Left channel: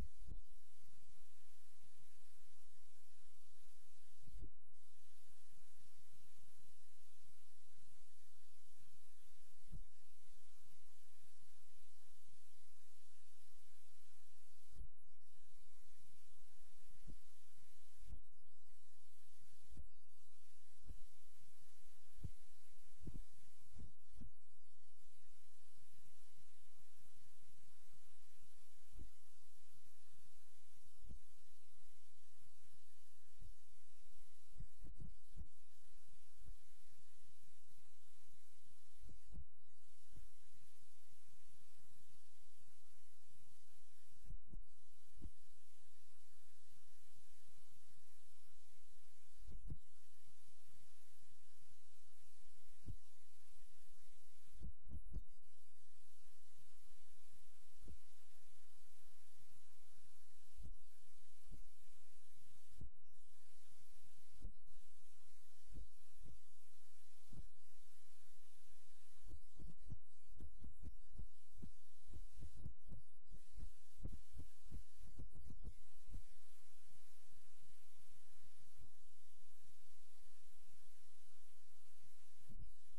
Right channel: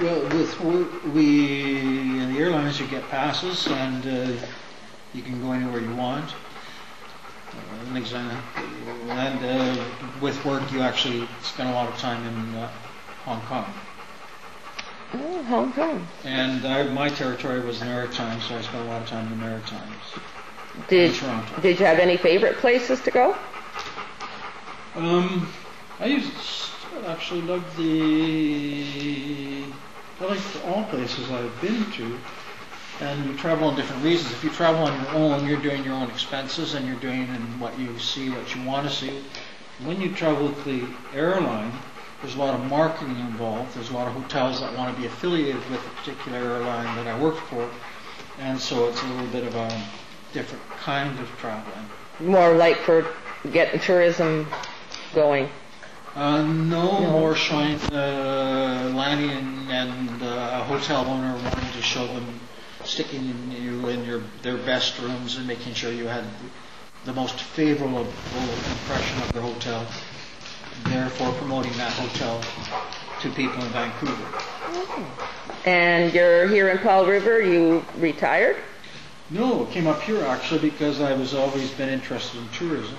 Well, with in the airlines you get passes and you can go anywhere you want. An example, and with work you actually spend a lot of time in Hong Kong. Oh, Hong Kong. And my territory was the Maritimes, so I spent a lot of time in the Maritimes. Did Toronto. Did you have any favorite places to go? I actually loved I like all places I've been to, and you travel on different reasons. If you travel on your own, you're doing your own expenses and you're doing what you see, what you want to see. When you travel with the airline, there's a lot of marketing involved. There's a lot of hotels that want to be affiliated with a particular airline that I work for, and so it's a little bit of a different kind of traveling. More like for getting tourism going? No, more showing landing and a hotel owner wanting to show them, sticking you in their best rooms and making sure you had the most favorable impression of the hotel, therefore promoting that hotel to people in Vancouver. And you're here in Powell River, you retired? No, I came up here actually because I was always been interested in tourism.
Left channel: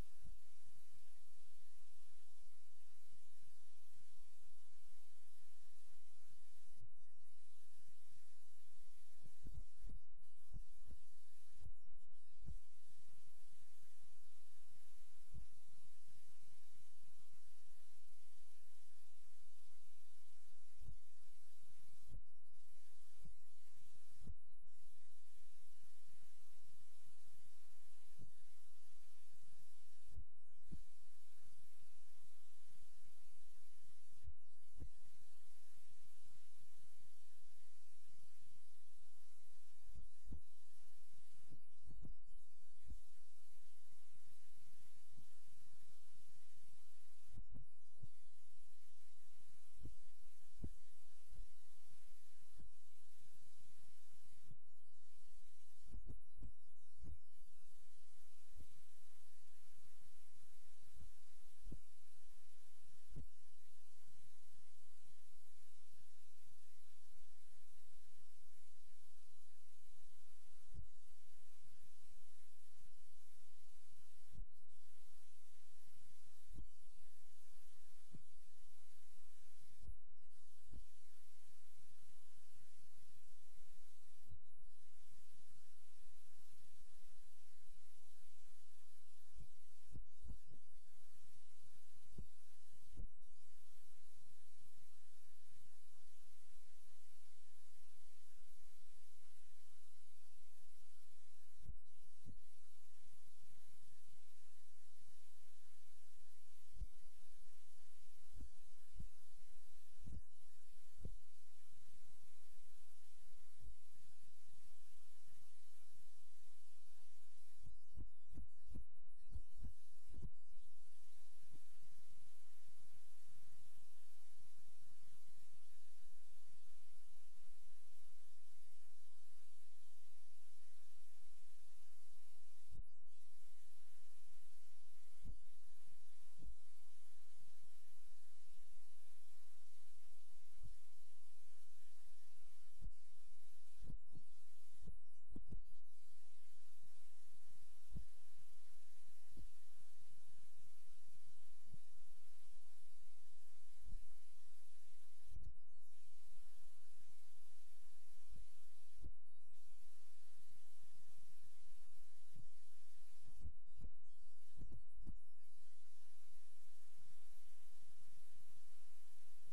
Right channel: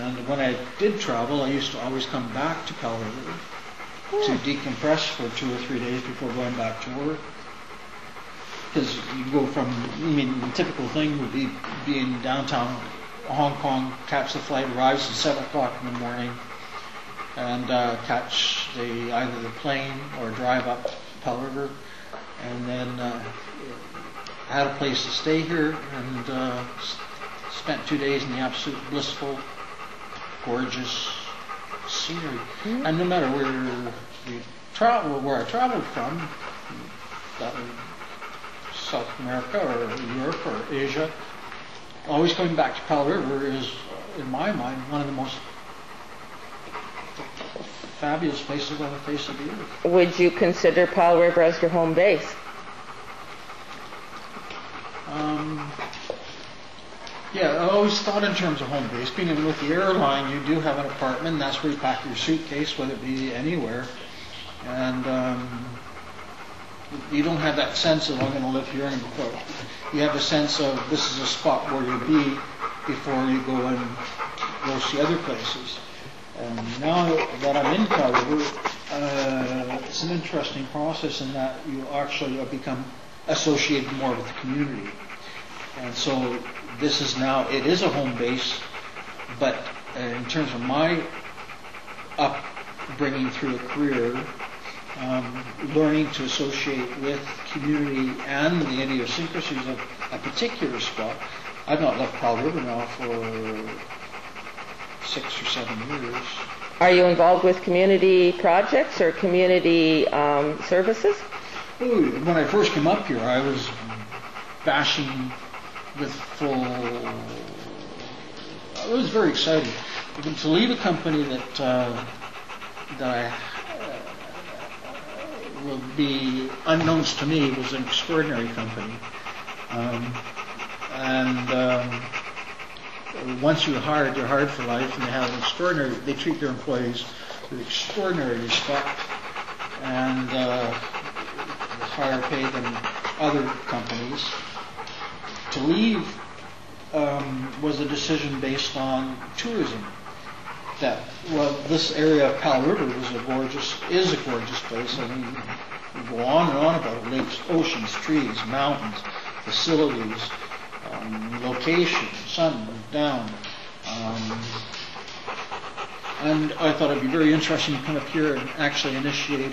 And when I did travel, I used to always come back to Powell River to decompress for 2 or 3 days before going back to work. Because you go from, the typical thing would be in downtown Hong Kong, catch the flight, arrives at 7 o'clock in the morning, and catch either the plane or drive up Powell River, and then had a place to stay here, and spent 2 days in the absolute blissful, gorgeous scenery. And no matter where I traveled from, that was South America or Europe or Asia, always coming back to Powell River is, in my mind, one of the most fabulous places on the face of the earth. Would you consider Powell River as your home base? Yeah, I always thought in terms of home base. Being with the airline, you do have an apartment. That's where you pack your suitcase, whether it be anywhere. And you don't have that sense of, I'm going to live here and go. You have a sense of, this is a spot where you'll be before you go and go see other places. And now that I'm in Powell River, it's an interesting process in that you actually become associated more with the community. And so this is now, it is a home base, but in terms of my upbringing through a career, learning to associate with community and the idiosyncrasies of a particular spot. I've not left Powell River now for 6 or 7 years. Are you involved with community projects or community services? When I first came up here, I was bashing with full. It was very exciting to leave a company that I will be unknowns to me was an extraordinary company, and once you're hired for life, and they have extraordinary. They treat their employees with extraordinary respect and higher pay than other companies. To leave was a decision based on tourism. That this area of Powell River is a gorgeous place. I mean, you go on and on about it. Lakes, oceans, trees, mountains, facilities, location, sun, down. And I thought it'd be very interesting to come up here and actually initiate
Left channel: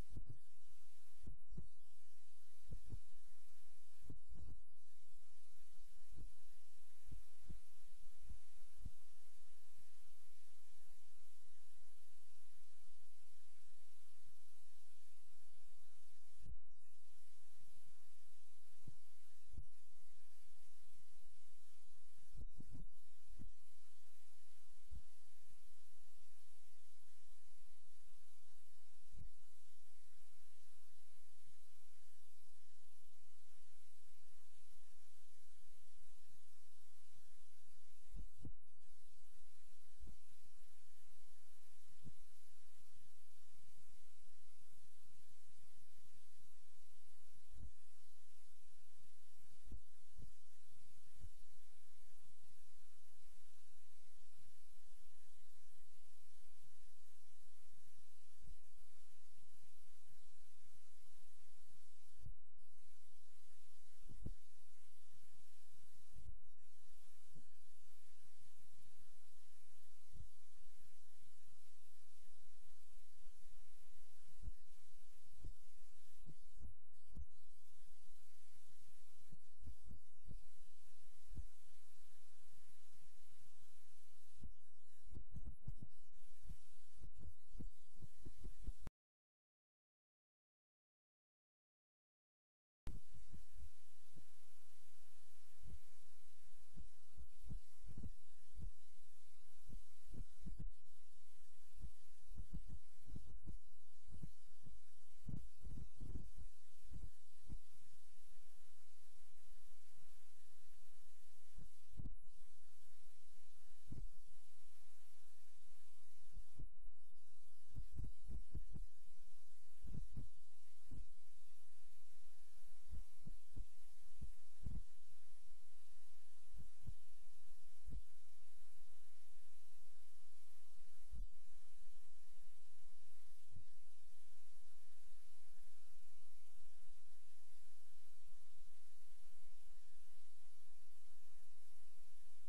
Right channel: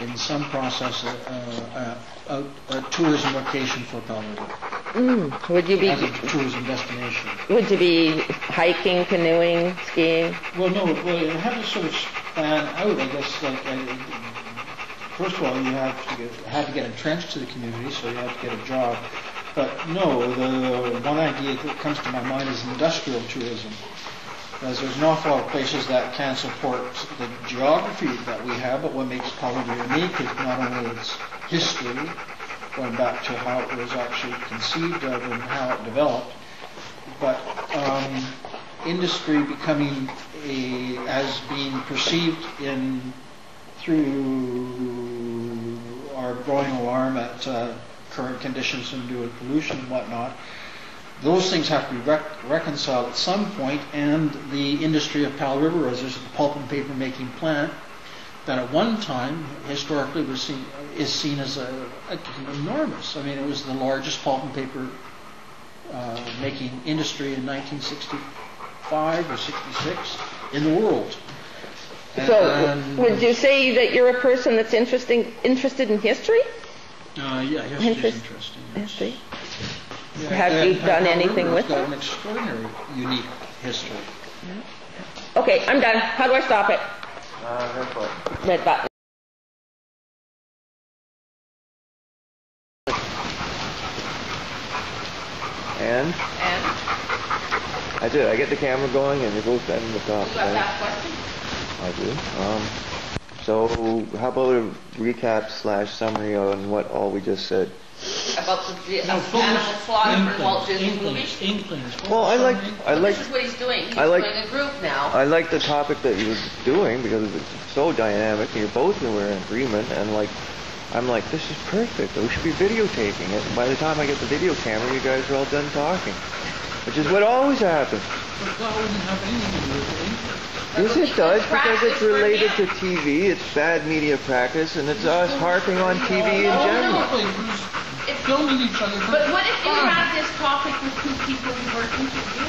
in some process a tourism location for Powell River. Would you be as a tourism destination? Would you be hiking, canoeing, skiing? Well, no. Well, you have to sort of plan out, I guess. First of all, you have to get entrenched to the community, so you have to get a job. But no, the one idea that comes to my mind is industrial tourism. Because there's an awful lot of places that can support the geography that we have, but what makes Powell River unique is not only its history, going back to how it was actually conceived of and how it developed, but industry becoming as being perceived through our growing alarm at current conditions and due to pollution and whatnot, those things have to be reconciled at some point, and the industry of Powell River, as there's a pulp and paper making plant that at one time historically is seen as enormous. I mean, it was the largest pulp and paper making industry in 1965 or 66 in the world. So, would you say that you're a person that's interested in history? Yeah, history is interesting. Yes. History. Yeah, Have you done anything with it? It's got it? an extraordinary, unique history. Okay, I'm done. How do I stop it? Red button. Red button. And? I did. I get the camera going, and you're both in the top. You got that question? I do. So, how about a recap / summary on what all we just said? About the animal slaughter for Walt Disney movies? Well, I like. This is what he's doing. He's doing a group now. I like the topic that you were doing because it's so dynamic, and you're both were in agreement, and I'm like, this is perfect. We should be videotaping it. And by the time I get the video camera, you guys are all done talking, which is what always happens. But that wouldn't have anything to do with it. Yes, it does, because it's related to TV. It's bad media practice, and it's us harping on TV in general. Filming each other. But what if you had this topic with two people who work in TV?